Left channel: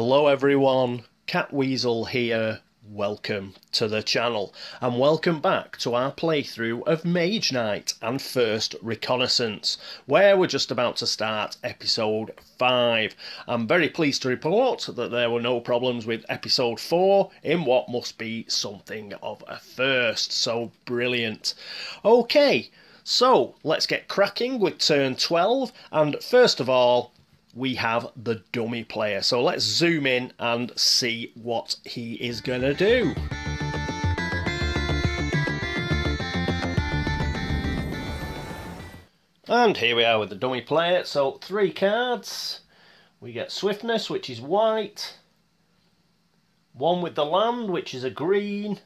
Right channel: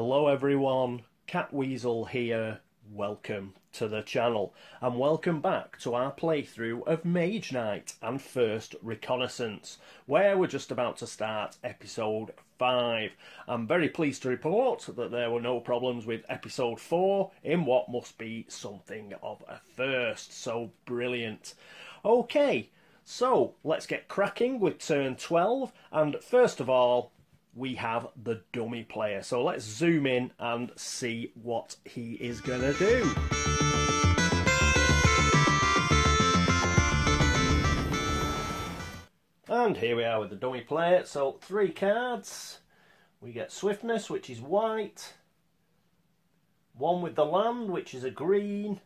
Hello everyone, Catweazle here, welcome to the channel and welcome back to our playthrough of Mage Knight and First Reconnaissance, where we're just about to start episode 5. I'm very pleased to report that there were no problems with episode 4 in what must be something of a first, so brilliant. Okay, so let's get cracking with turn 12 and first of all we have the dummy player. So let's zoom in and see what he is going to do. And here we are with the dummy player. So 3 cards. We get Swiftness, which is white. 1 with the land, which is a green.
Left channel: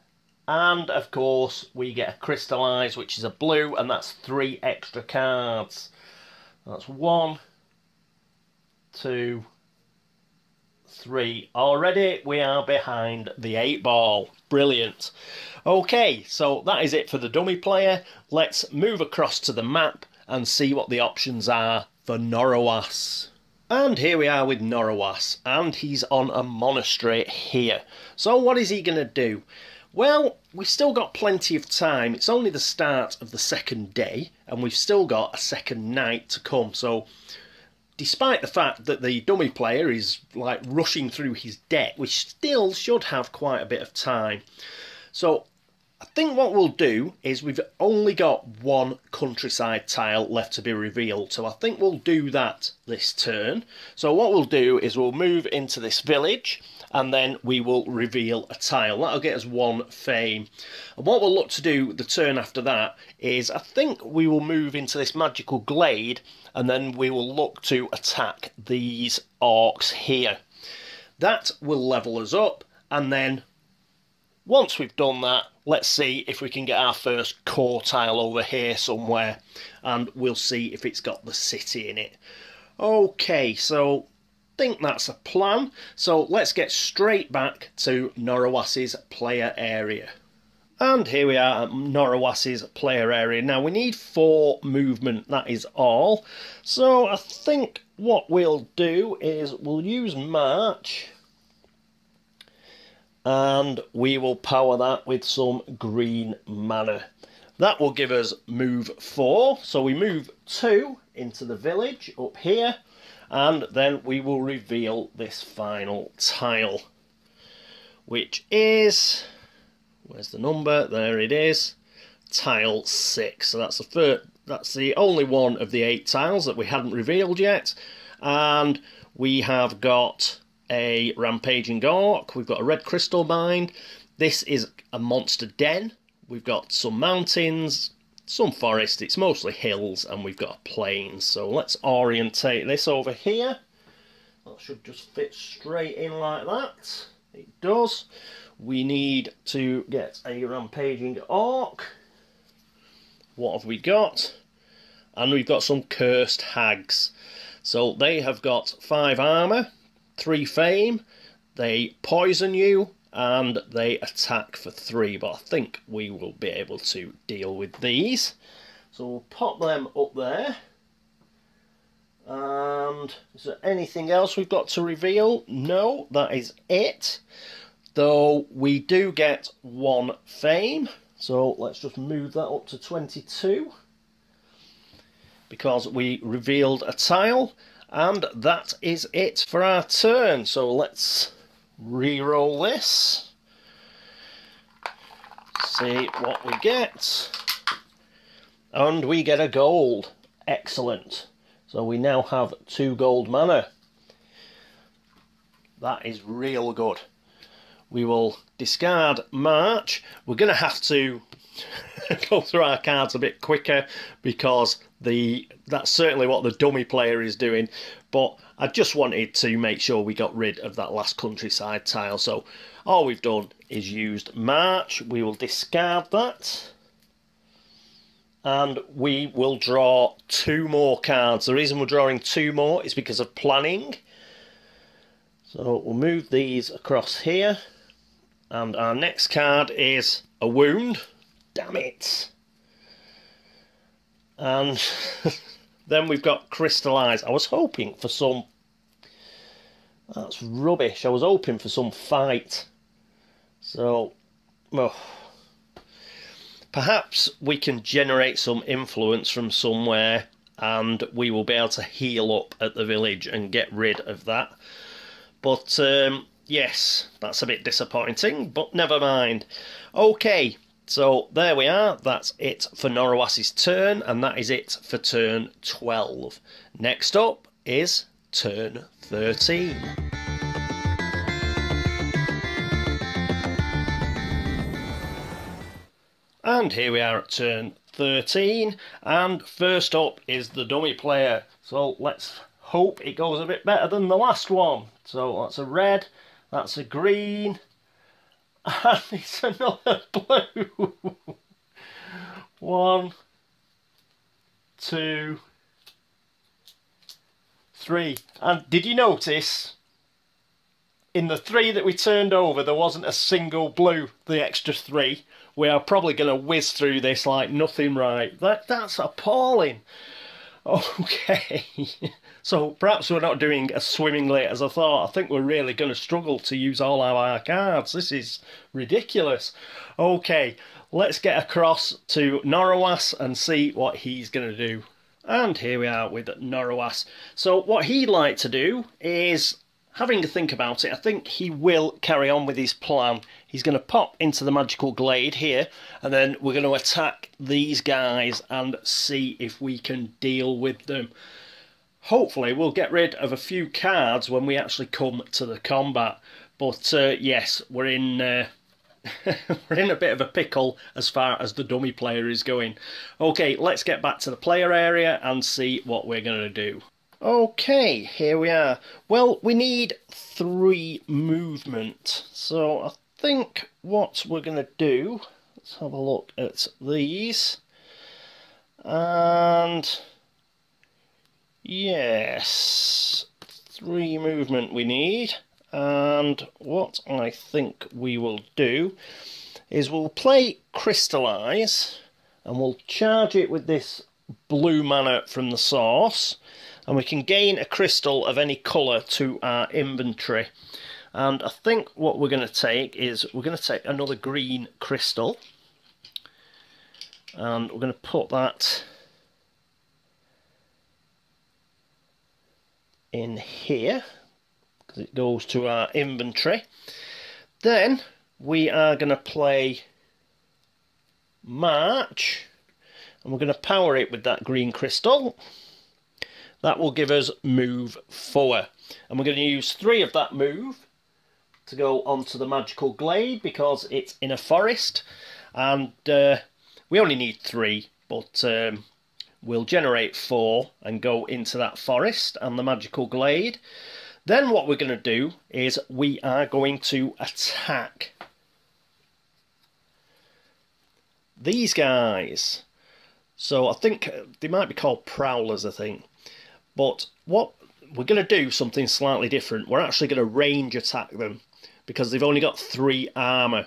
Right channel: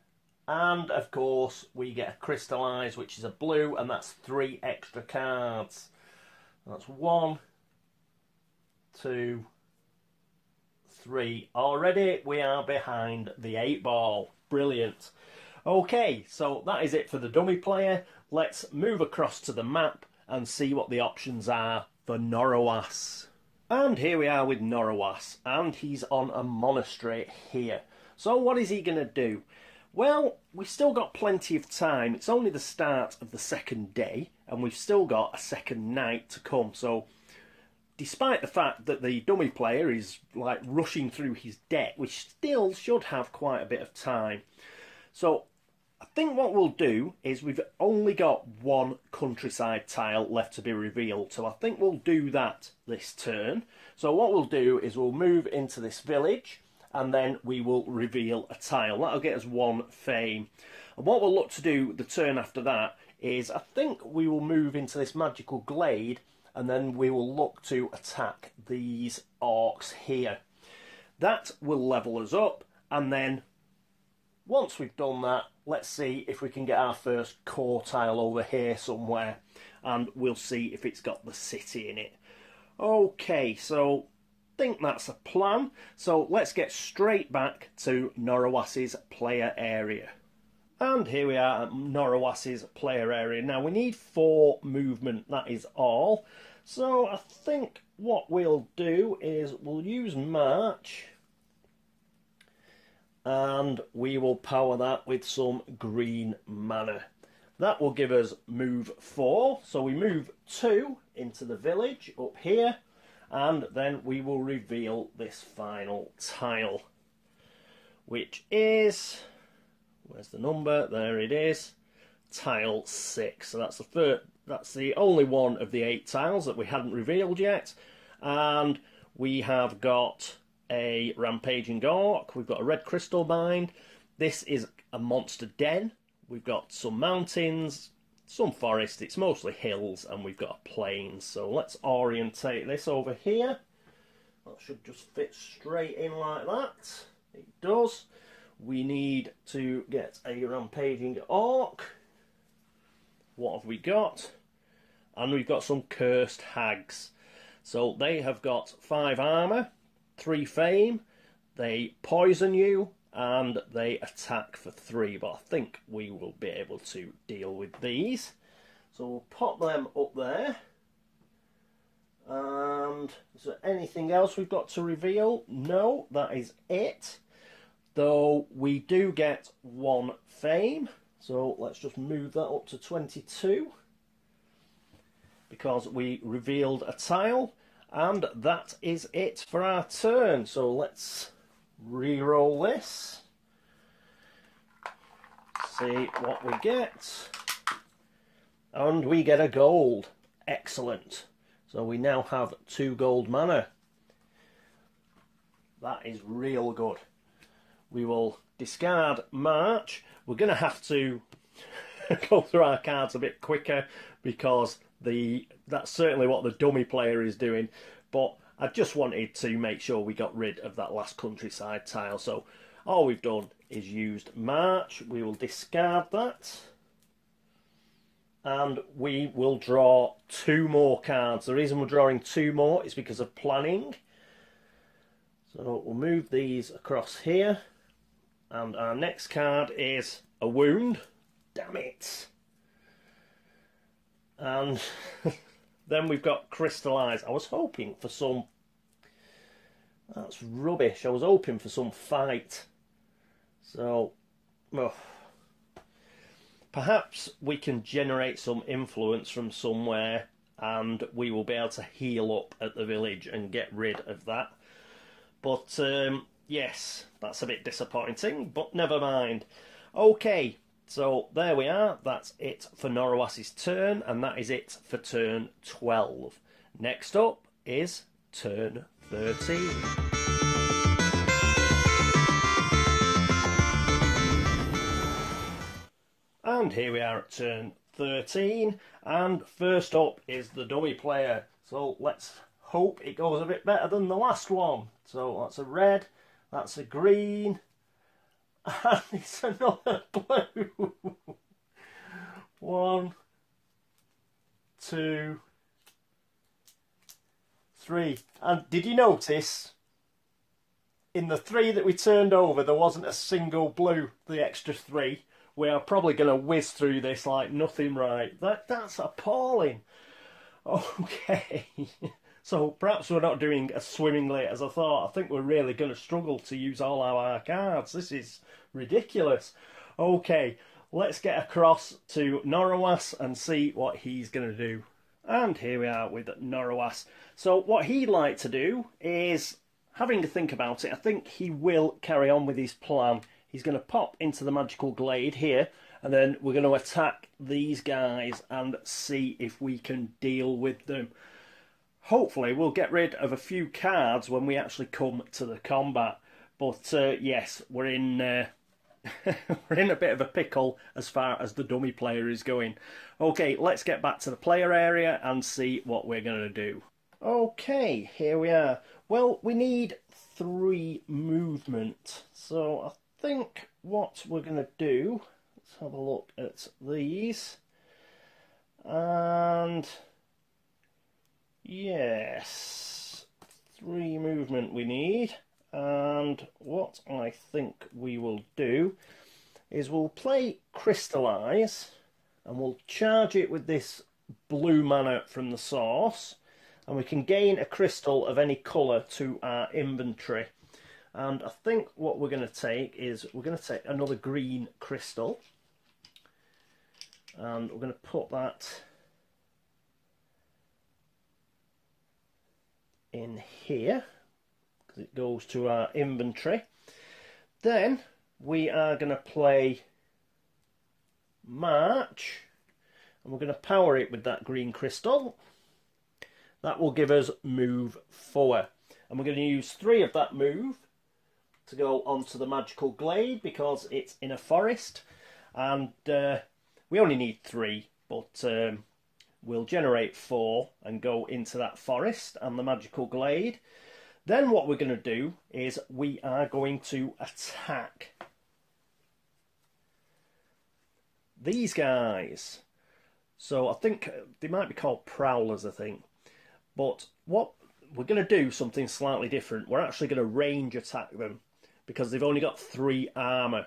And of course we get a Crystallize, which is a blue. And that's 3 extra cards. That's 1, 2, 3. Already we are behind the 8 ball. Brilliant. Okay, so that is it for the dummy player. Let's move across to the map and see what the options are for Norowas. And here we are with Norowas, and he's on a monastery here. So what is he going to do? Well, we've still got plenty of time. It's only the start of the second day, and we've still got a second night to come. So despite the fact that the dummy player is like rushing through his deck, we still should have quite a bit of time. So I think what we'll do is we've only got 1 countryside tile left to be revealed. So I think we'll do that this turn. So what we'll do is we'll move into this village and then we will reveal a tile. That'll get us 1 fame. And what we'll look to do the turn after that is I think we will move into this magical glade and then we will look to attack these orcs here. That will level us up, and then once we've done that, let's see if we can get our first core tile over here somewhere, and we'll see if it's got the city in it. Okay, so I think that's a plan. So let's get straight back to Norowas's player area. And here we are at Norowas's player area. Now we need 4 movement, that is all. So I think what we'll do is we'll use March. And we will power that with some green mana. That will give us move 4. So we move 2 into the village up here. And then we will reveal this final tile. Which is... where's the number? There it is. Tile 6. So that's the first, that's the only one of the 8 tiles that we hadn't revealed yet. And we have got a rampaging orc. We've got a red crystal mine. This is a monster den. We've got some mountains, some forest. It's mostly hills, and we've got a plain. So let's orientate this over here. That should just fit straight in like that. It does. We need to get a rampaging orc. What have we got? And we've got some cursed hags. So they have got 5 armour, 3 fame, they poison you, and they attack for 3. But I think we will be able to deal with these. So we'll pop them up there. And is there anything else we've got to reveal? No, that is it. Though we do get 1 fame, so let's just move that up to 22 because we revealed a tile, and that is it for our turn. So let's re-roll this, see what we get, and we get a gold. Excellent. So we now have 2 gold mana. That is real good. We will discard March. We're going to have to go through our cards a bit quicker because that's certainly what the dummy player is doing. But I just wanted to make sure we got rid of that last countryside tile. So all we've done is used March. We will discard that. And we will draw 2 more cards. The reason we're drawing 2 more is because of planning. So we'll move these across here. And our next card is a wound. Damn it. And then we've got Crystallize. I was hoping for some That's rubbish. I was hoping for some fight. So, well, perhaps we can generate some influence from somewhere and we will be able to heal up at the village and get rid of that. But, yes, that's a bit disappointing, but never mind. Okay, so there we are. That's it for Norowas' turn, and that is it for turn 12. Next up is turn 13. And here we are at turn 13, and first up is the dummy player. So let's hope it goes a bit better than the last one. So that's a red, that's a green, and it's another blue. 1, 2, 3. And did you notice in the 3 that we turned over there wasn't a single blue, the extra 3? We are probably going to whiz through this like nothing, right? That's appalling. Okay. So perhaps we're not doing as swimmingly as I thought. I think we're really going to struggle to use all our cards. This is ridiculous. Okay, let's get across to Norowas and see what he's going to do. And here we are with Norowas. So what he'd like to do is, having to think about it, I think he will carry on with his plan. He's going to pop into the magical glade here, and then we're going to attack these guys and see if we can deal with them. Hopefully we'll get rid of a few cards when we actually come to the combat. But yes, we're in we're in a bit of a pickle as far as the dummy player is going. Okay, let's get back to the player area and see what we're going to do. Okay, here we are. Well, we need 3 movement. So I think what we're going to do, let's have a look at these. And yes, 3 movement we need. And what I think we will do is we'll play Crystallise and we'll charge it with this blue mana from the source, and we can gain a crystal of any colour to our inventory. And I think what we're going to take is we're going to take another green crystal, and we're going to put that in here because it goes to our inventory. Then we are going to play March, and we're going to power it with that green crystal. That will give us move 4, and we're going to use 3 of that move to go onto the magical glade because it's in a forest, and we only need 3, but we'll generate 4 and go into that forest and the magical glade. Then what we're going to do is we are going to attack these guys. So I think they might be called prowlers, I think. But what we're going to do something slightly different. We're actually going to range attack them because they've only got 3 armour.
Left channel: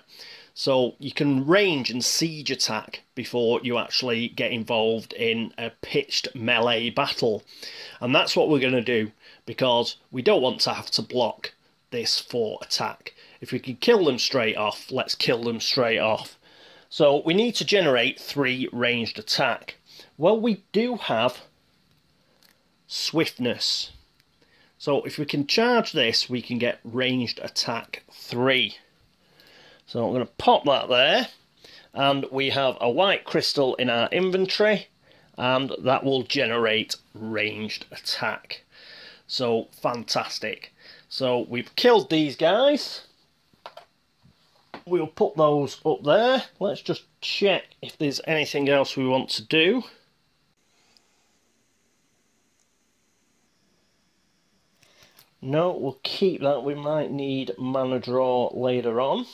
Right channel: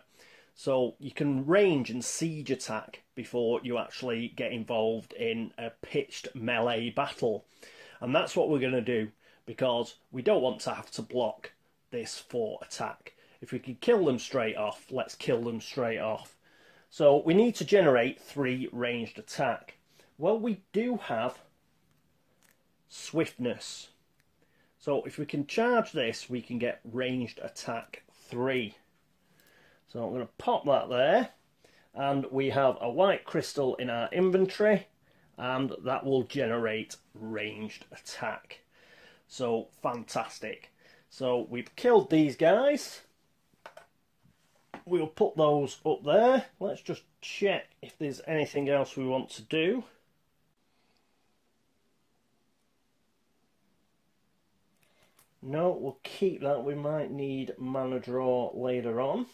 So you can range and siege attack before you actually get involved in a pitched melee battle. And that's what we're going to do because we don't want to have to block this for attack. If we can kill them straight off, let's kill them straight off. So we need to generate 3 ranged attack. Well, we do have swiftness. So if we can charge this, we can get ranged attack 3. So I'm going to pop that there, and we have a white crystal in our inventory, and that will generate ranged attack. So fantastic. So we've killed these guys. We'll put those up there. Let's just check if there's anything else we want to do. No, we'll keep that. We might need mana draw later on.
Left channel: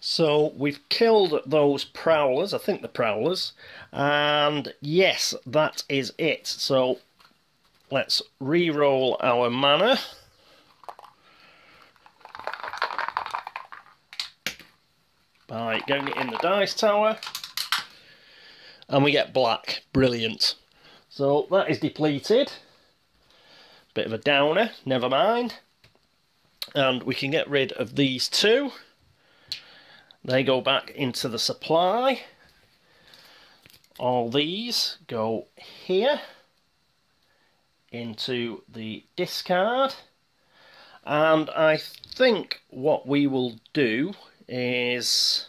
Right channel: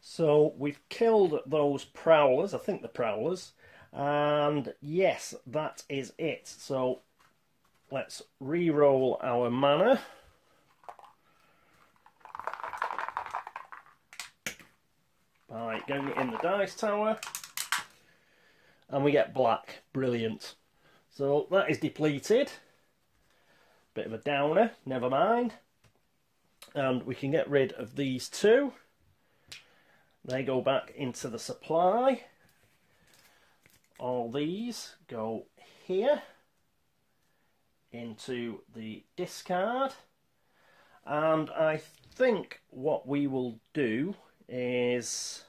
So we've killed those prowlers, I think the prowlers, and yes, that is it. So let's re-roll our mana. By getting it in the dice tower, and we get black. Brilliant. So that is depleted. Bit of a downer, never mind. and we can get rid of these two. They go back into the supply. All these go here into the discard. And I think what we will do is...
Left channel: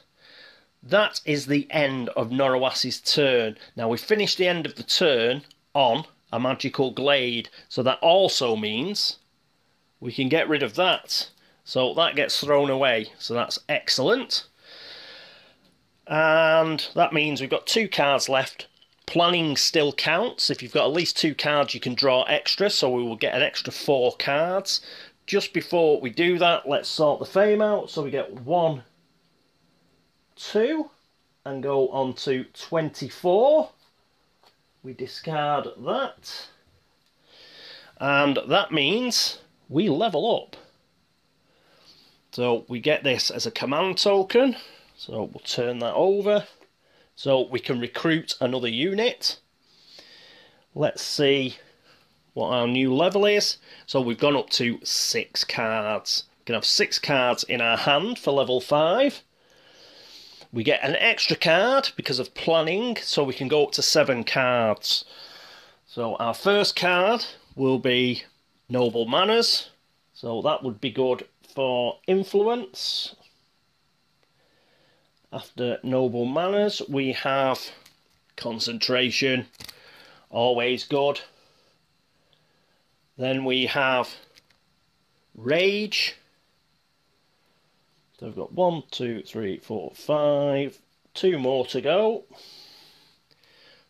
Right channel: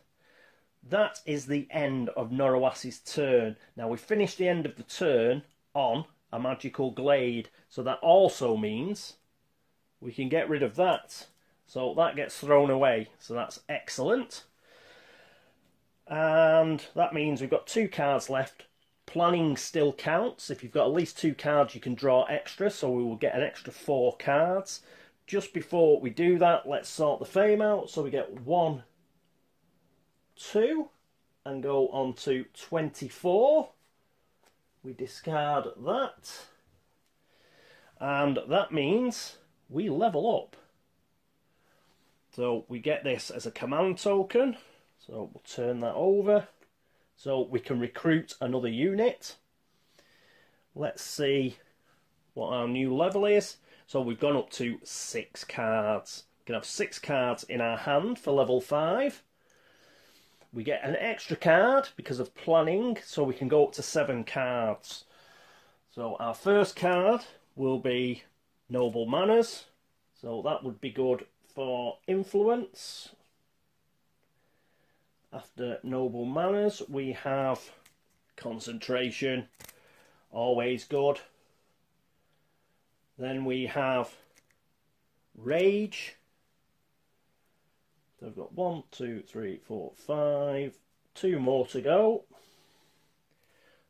that is the end of Norowas' turn. Now, we finished the end of the turn on a magical glade, so that also means we can get rid of that. So that gets thrown away, so that's excellent. And that means we've got 2 cards left. Planning still counts. If you've got at least 2 cards, you can draw extra, so we will get an extra 4 cards. Just before we do that, let's sort the fame out. So we get 1, 2, and go on to 24. We discard that. And that means we level up. So we get this as a command token. So we'll turn that over. So we can recruit another unit. Let's see what our new level is. So we've gone up to 6 cards. We can have 6 cards in our hand for level 5. We get an extra card because of planning, so we can go up to 7 cards. So our first card will be Noble Manners. So that would be good for influence. After Noble Manners, we have Concentration. Always good. Then we have Rage. So we've got 1, 2, 3, 4, 5. 2 more to go.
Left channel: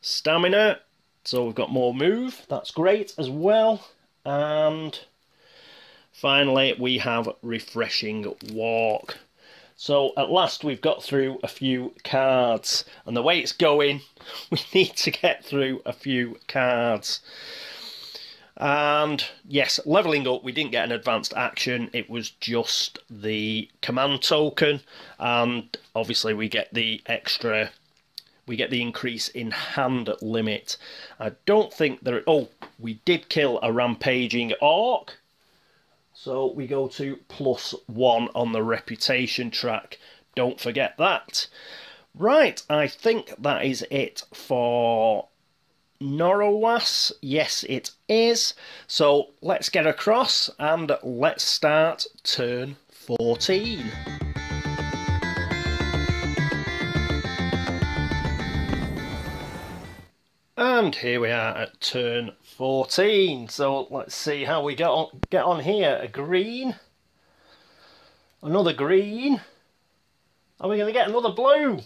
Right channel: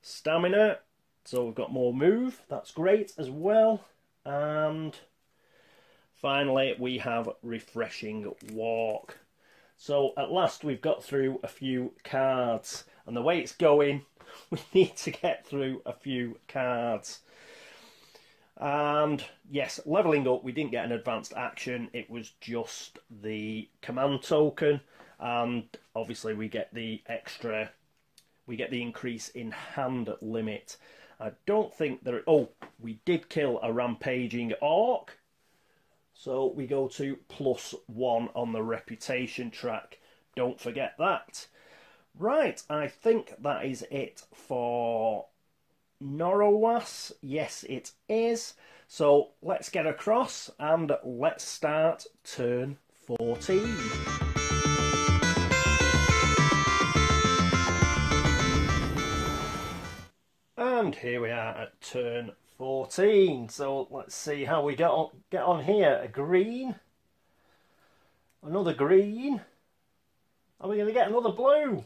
Stamina. So we've got more move. That's great as well. And finally, we have Refreshing Walk. So at last we've got through a few cards. And the way it's going, we need to get through a few cards. And yes, levelling up, we didn't get an advanced action. It was just the command token. And obviously we get the extra... we get the increase in hand limit. I don't think there... oh, we did kill a rampaging orc. So we go to +1 on the reputation track. Don't forget that. Right, I think that is it for Norowas. Yes, it is. So let's get across and let's start turn 14. And here we are at turn 14. So let's see how we get on here. A green. Another green. Are we going to get another blue?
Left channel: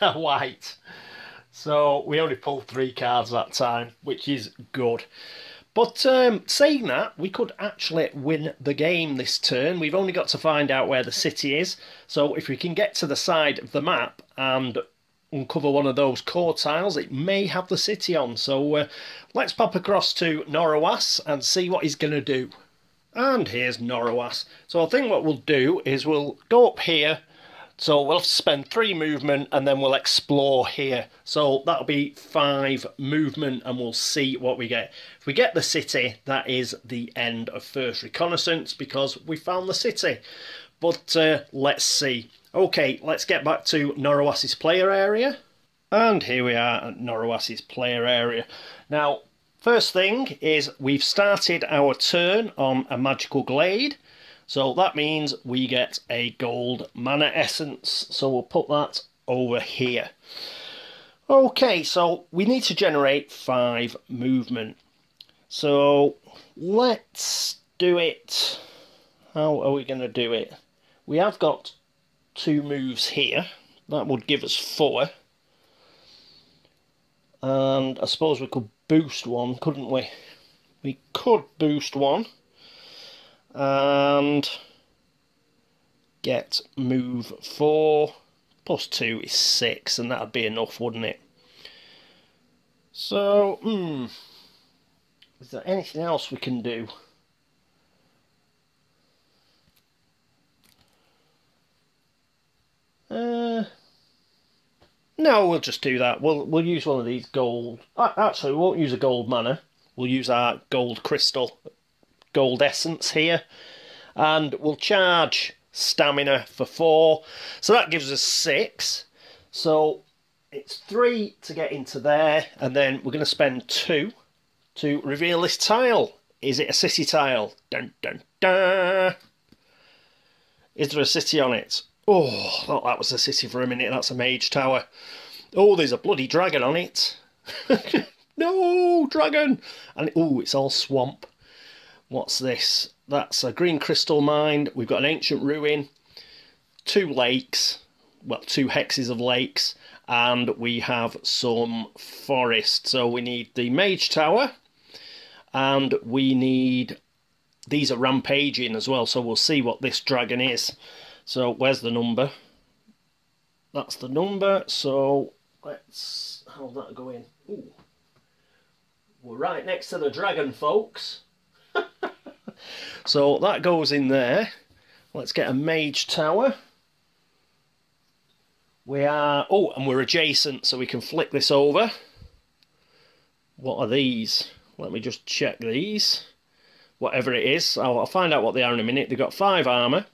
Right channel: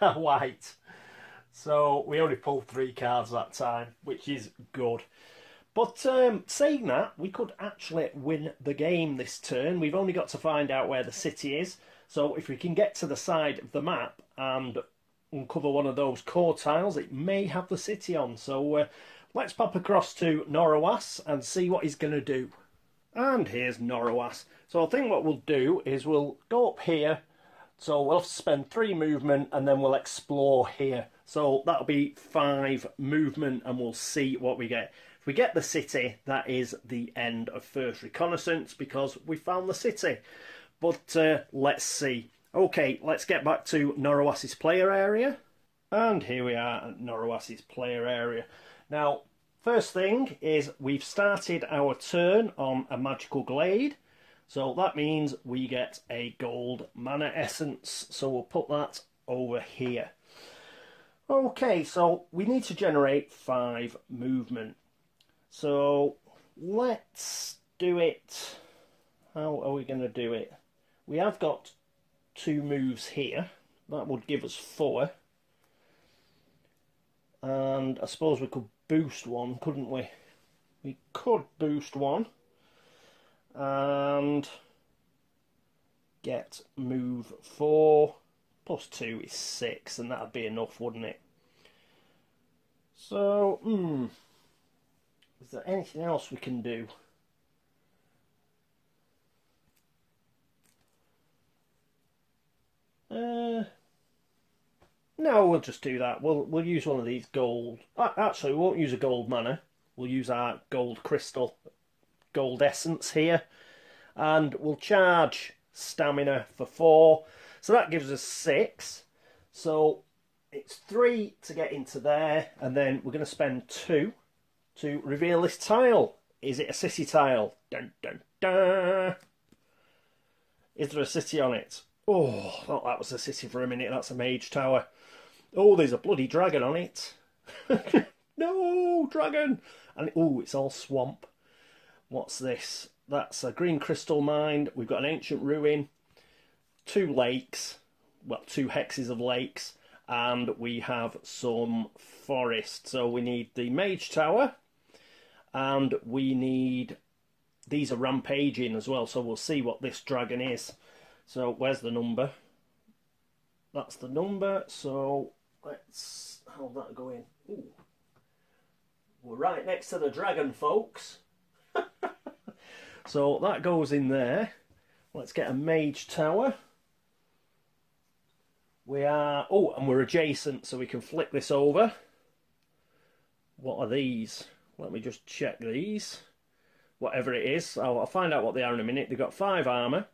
White. So we only pulled 3 cards that time, which is good. But saying that, we could actually win the game this turn. We've only got to find out where the city is. So if we can get to the side of the map and uncover one of those core tiles, it may have the city on. So let's pop across to Norowas and see what he's going to do. And here's Norowas. So I think what we'll do is we'll go up here. So we'll have to spend 3 movement and then we'll explore here. So that'll be 5 movement and we'll see what we get. If we get the city, that is the end of first reconnaissance because we found the city. But let's see. Okay, let's get back to Norowas' player area. And here we are at Norowas' player area. Now, first thing is we've started our turn on a magical glade. So that means we get a gold mana essence. So we'll put that over here. Okay, so we need to generate 5 movement. So let's do it. How are we going to do it? We have got 2 moves here. That would give us 4. And I suppose we could boost 1, couldn't we? We could boost 1. And get move 4. +2 is 6, and that'd be enough, wouldn't it? So, is there anything else we can do? No, we'll just do that. We'll use one of these gold. Actually, we won't use a gold mana. We'll use our gold crystal gold essence here. And we'll charge stamina for 4. So that gives us 6. So it's 3 to get into there. And then we're going to spend 2 to reveal this tile. Is it a city tile? Dun, dun, dun. Is there a city on it? Oh, I thought that was a city for a minute. That's a mage tower. Oh, there's a bloody dragon on it. No, dragon! And oh, it's all swamp. What's this? That's a green crystal mine. We've got an ancient ruin, 2 lakes, well, 2 hexes of lakes, and we have some forest. So we need the mage tower, and we need... These are rampaging as well, so we'll see what this dragon is. So where's the number? That's the number, so let's... How's that going? Ooh. We're right next to the dragon, folks. So that goes in there. Let's get a mage tower. We are... Oh, and we're adjacent, so we can flick this over. What are these? Let me just check these. Whatever it is, I'll find out what they are in a minute. They've got 5 armour,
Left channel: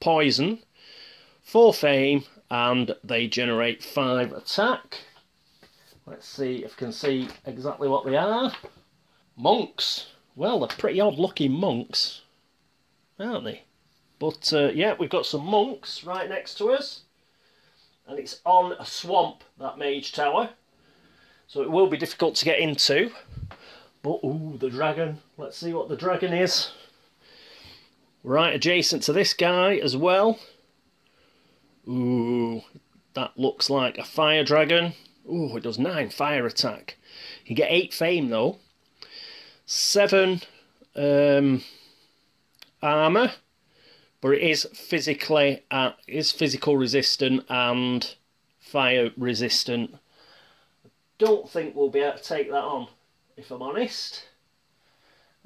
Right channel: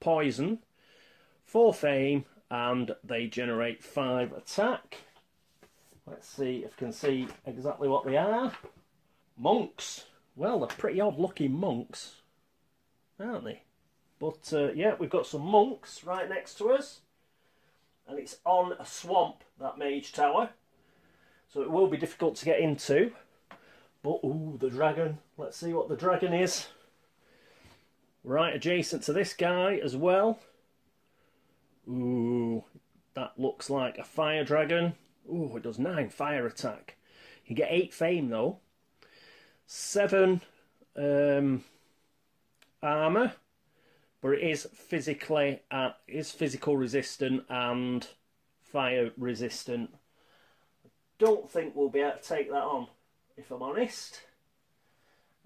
poison, 4 fame, and they generate 5 attack. Let's see if I can see exactly what they are. Monks. Well, they're pretty odd looking monks, aren't they? But yeah, we've got some monks right next to us. And it's on a swamp, that mage tower. So it will be difficult to get into. But, ooh, the dragon. Let's see what the dragon is. Right adjacent to this guy as well. Ooh, that looks like a fire dragon. Ooh, it does 9 fire attack. You get 8 fame though. 7 armour. But it is physical resistant and fire resistant. I don't think we'll be able to take that on, if I'm honest.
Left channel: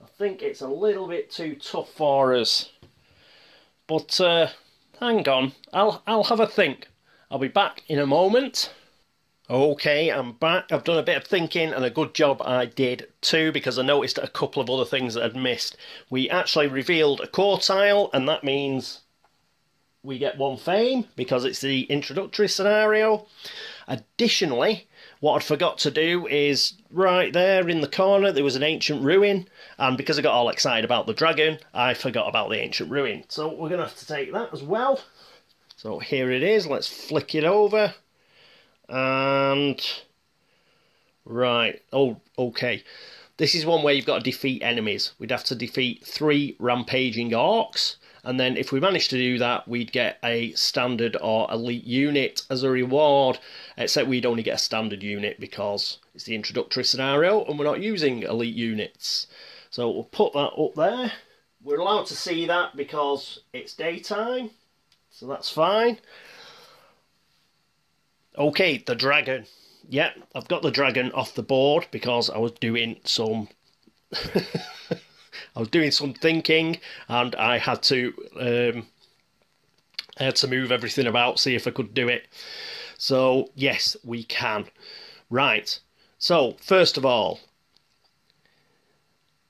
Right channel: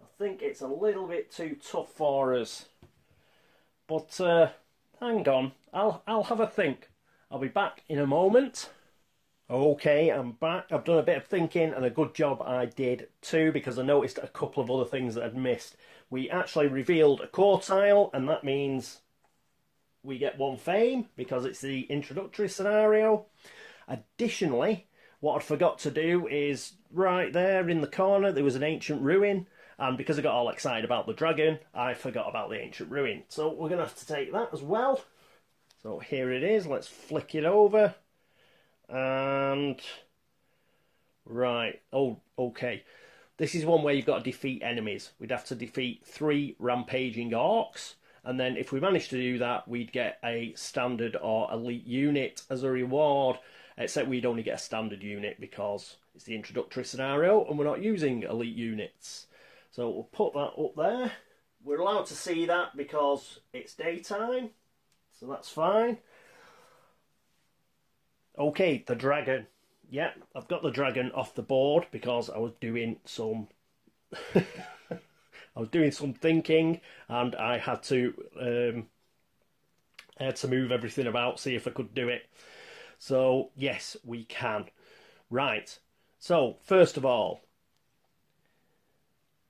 I think it's a little bit too tough for us. But hang on, I'll have a think. I'll be back in a moment. Okay, I'm back. I've done a bit of thinking, and a good job I did too, because I noticed a couple of other things that I'd missed. We actually revealed a core tile, and that means we get 1 fame, because it's the introductory scenario. Additionally, what I'd forgot to do is, right there in the corner, there was an ancient ruin, and because I got all excited about the dragon, I forgot about the ancient ruin. So we're going to have to take that as well. So here it is, let's flick it over. And right, oh, okay. This is one where you've got to defeat enemies. We'd have to defeat 3 rampaging orcs, and then if we managed to do that, we'd get a standard or elite unit as a reward, except we'd only get a standard unit because it's the introductory scenario and we're not using elite units. So we'll put that up there. We're allowed to see that because it's daytime, so that's fine. Okay, the dragon. Yeah, I've got the dragon off the board because I was doing some thinking, and I had to move everything about, see if I could do it. So yes, we can. Right. So first of all,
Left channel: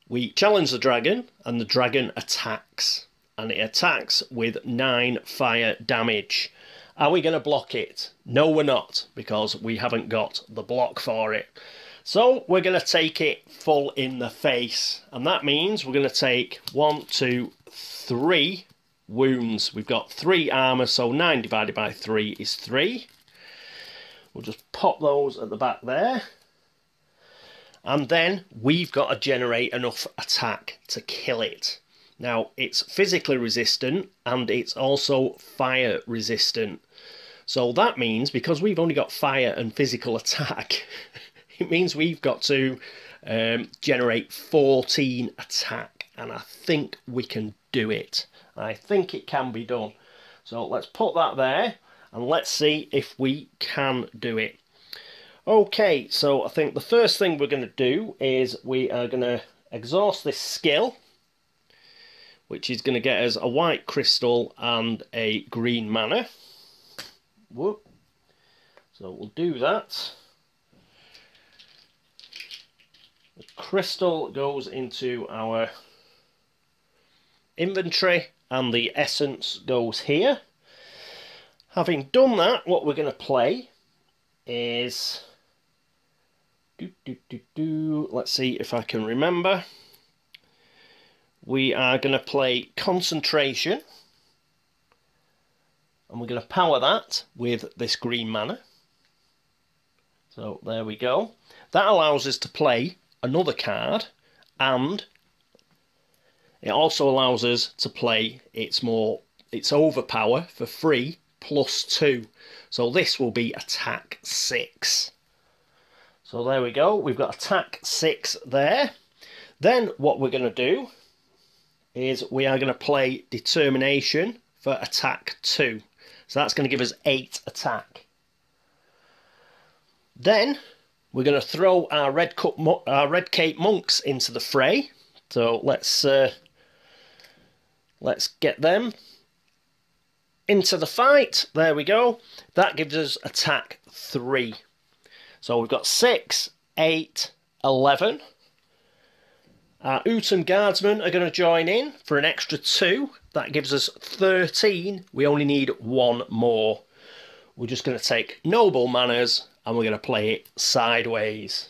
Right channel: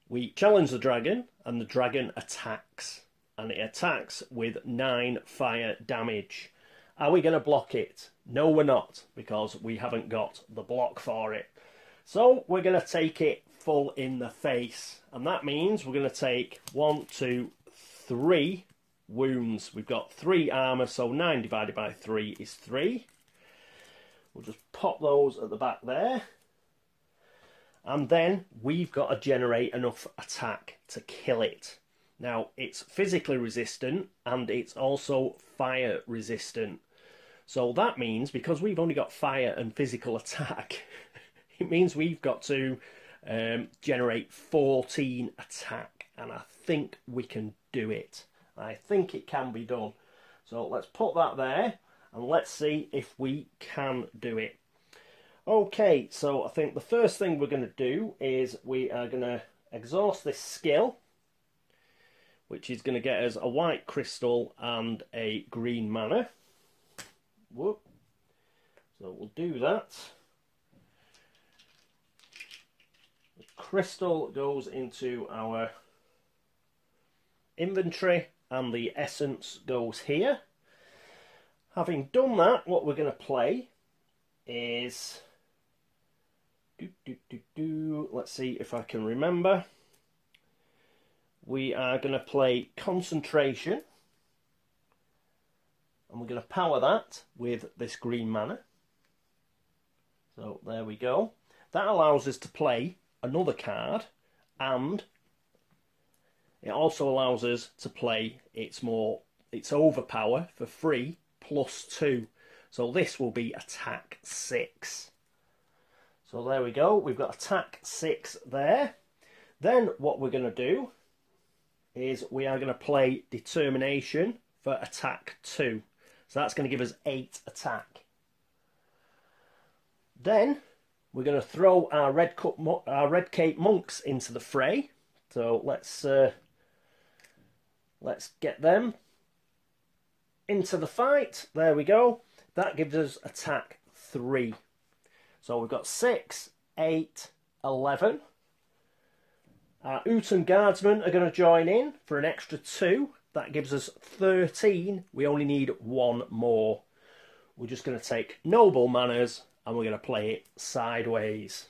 we challenge the dragon, and the dragon attacks, and it attacks with 9 fire damage. Are we going to block it? No, we're not, because we haven't got the block for it. So we're going to take it full in the face, and that means we're going to take 1, 2, 3 wounds. We've got 3 armour, so 9 divided by 3 is 3. We'll just pop those at the back there. And then we've got to generate enough attack to kill it. Now, it's physically resistant, and it's also fire resistant. So that means, because we've only got fire and physical attack, it means we've got to generate 14 attack. And I think we can do it. I think it can be done. So let's put that there, and let's see if we can do it. Okay, so I think the first thing we're going to do is we are going to exhaust this skill, which is going to get us a white crystal and a green mana. Whoop. So we'll do that. The crystal goes into our inventory, and the essence goes here. Having done that, what we're going to play is... Let's see if I can remember. We are going to play Concentration. And we're going to power that with this green mana. So there we go. That allows us to play another card, and it also allows us to play its overpower for free +2. So this will be attack 6. So there we go. We've got attack 6 there. Then what we're going to do is we are going to play Determination for attack 2. So that's going to give us 8 attack. Then we're going to throw our Red Cape Monks into the fray. So let's get them into the fight. There we go. That gives us attack 3. So we've got 6, 8, 11. Our Utum Guardsmen are going to join in for an extra 2. That gives us 13. We only need 1 more. We're just going to take Noble Manners and we're going to play it sideways.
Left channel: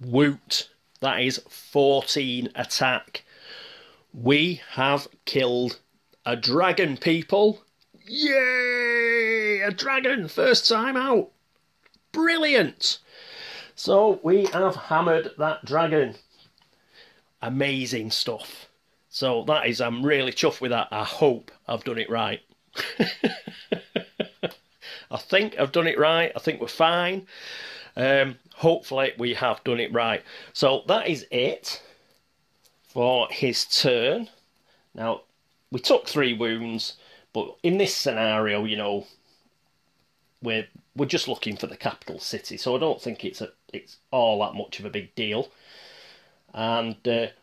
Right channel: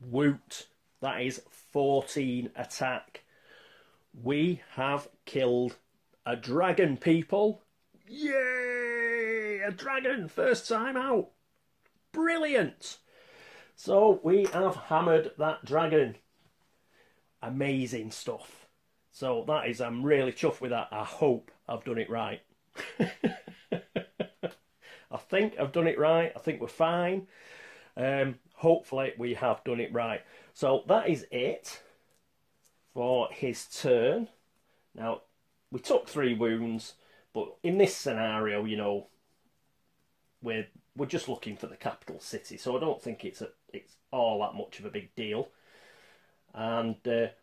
Woot. That is 14 attack. We have killed a dragon, people. Yay! A dragon! First time out. Brilliant! So we have hammered that dragon. Amazing stuff. So that is, I'm really chuffed with that. I hope I've done it right. I think I've done it right. I think we're fine. Hopefully we have done it right. So that is it for his turn. Now, we took 3 wounds, but in this scenario, you know, we're just looking for the capital city, so I don't think it's all that much of a big deal. And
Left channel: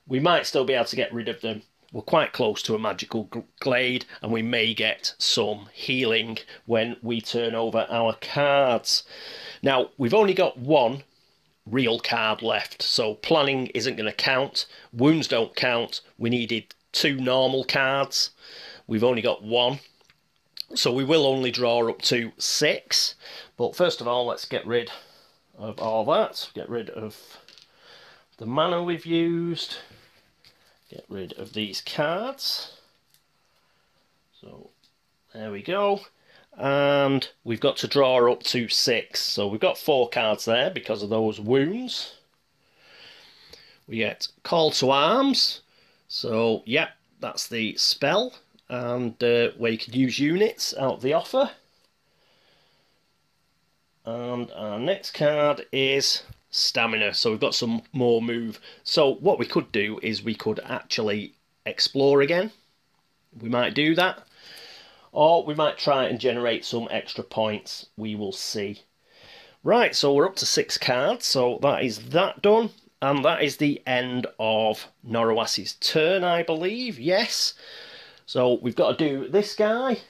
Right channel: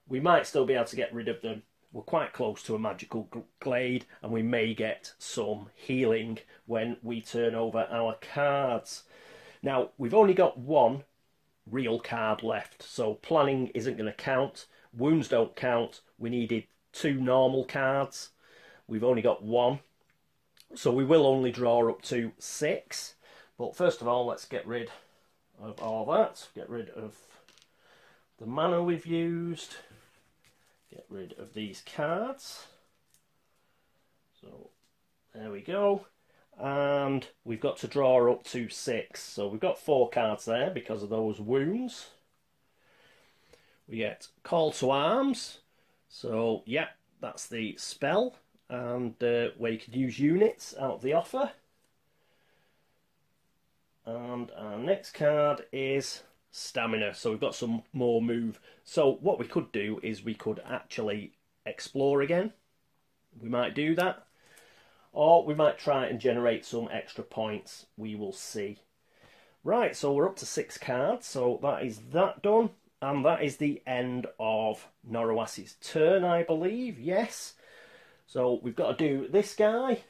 we might still be able to get rid of them. We're quite close to a magical glade, and we may get some healing when we turn over our cards. Now, we've only got 1 real card left, so planning isn't going to count. Wounds don't count. We needed 2 normal cards. We've only got 1. So we will only draw up to 6. But first of all, let's get rid of all that. Get rid of the mana we've used. Get rid of these cards. So there we go. And we've got to draw up to 6. So we've got 4 cards there because of those wounds. We get Call to Arms. So, yeah, that's the spell. And where you can use units out of the offer. And our next card is Stamina. So we've got some more move. So what we could do is we could actually explore again. We might do that. Or we might try and generate some extra points. We will see. Right, so we're up to 6 cards. So that is that done. And that is the end of Norowas' turn, I believe. Yes. So we've got to do this guy.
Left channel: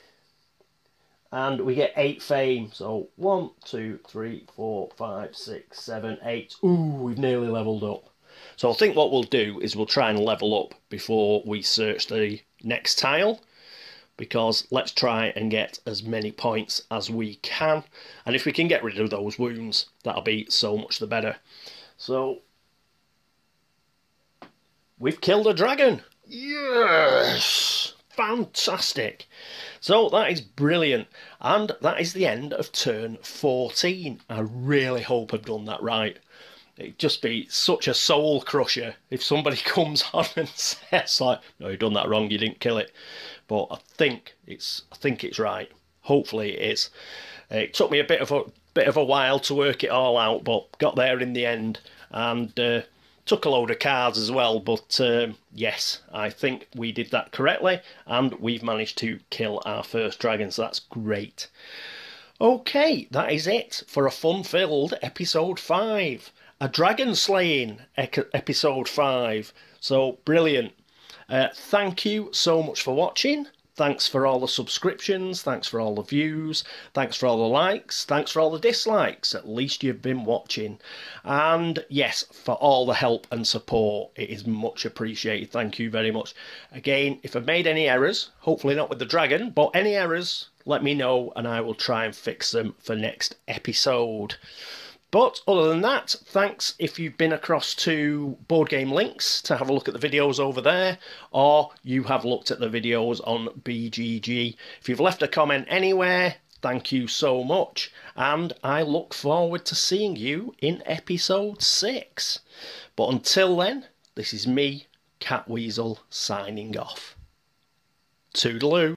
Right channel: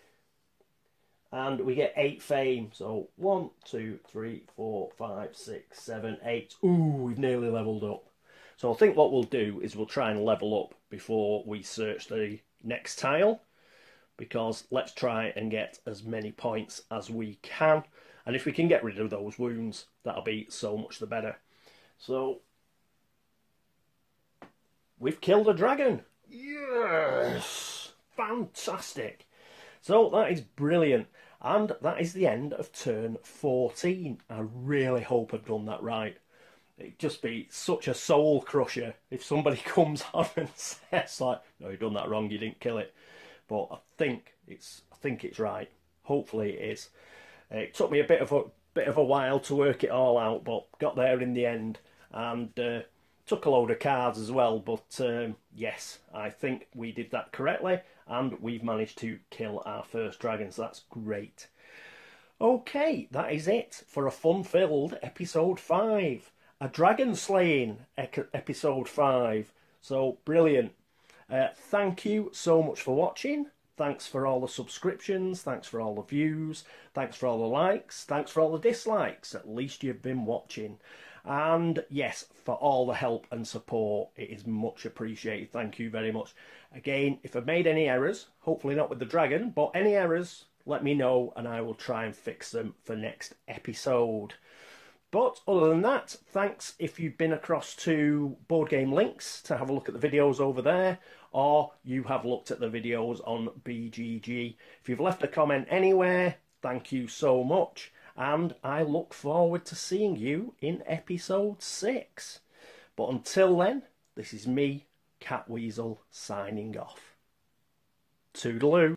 And we get 8 fame. So 1, 2, 3, 4, 5, 6, 7, 8. Ooh, we've nearly leveled up. So I think what we'll do is we'll try and level up before we search the next tile. Because let's try and get as many points as we can. And if we can get rid of those wounds, that'll be so much the better. So we've killed a dragon. Yes! Fantastic. So that is brilliant. And that is the end of turn 14. I really hope I've done that right. It'd just be such a soul crusher if somebody comes on and says like, no, you've done that wrong, you didn't kill it. But I think it's right. Hopefully it is. It took me a bit of a while to work it all out, but got there in the end. And took a load of cards as well, but yes, I think we did that correctly, and we've managed to kill our first dragon, so that's great. Okay, that is it for a fun-filled episode 5. A dragon slaying episode 5. So, brilliant. Thank you so much for watching. Thanks for all the subscriptions, thanks for all the views, thanks for all the likes, thanks for all the dislikes. At least you've been watching. And yes, for all the help and support. It is much appreciated. Thank you very much. Again, if I've made any errors, hopefully not with the dragon, but any errors, let me know and I will try and fix them for next episode. But other than that, thanks if you've been across to Board Game Links to have a look at the videos over there, or you have looked at the videos on BGG. If you've left a comment anywhere, thank you so much, and I look forward to seeing you in episode 6. But until then, this is me, Catweazle, signing off. Toodaloo.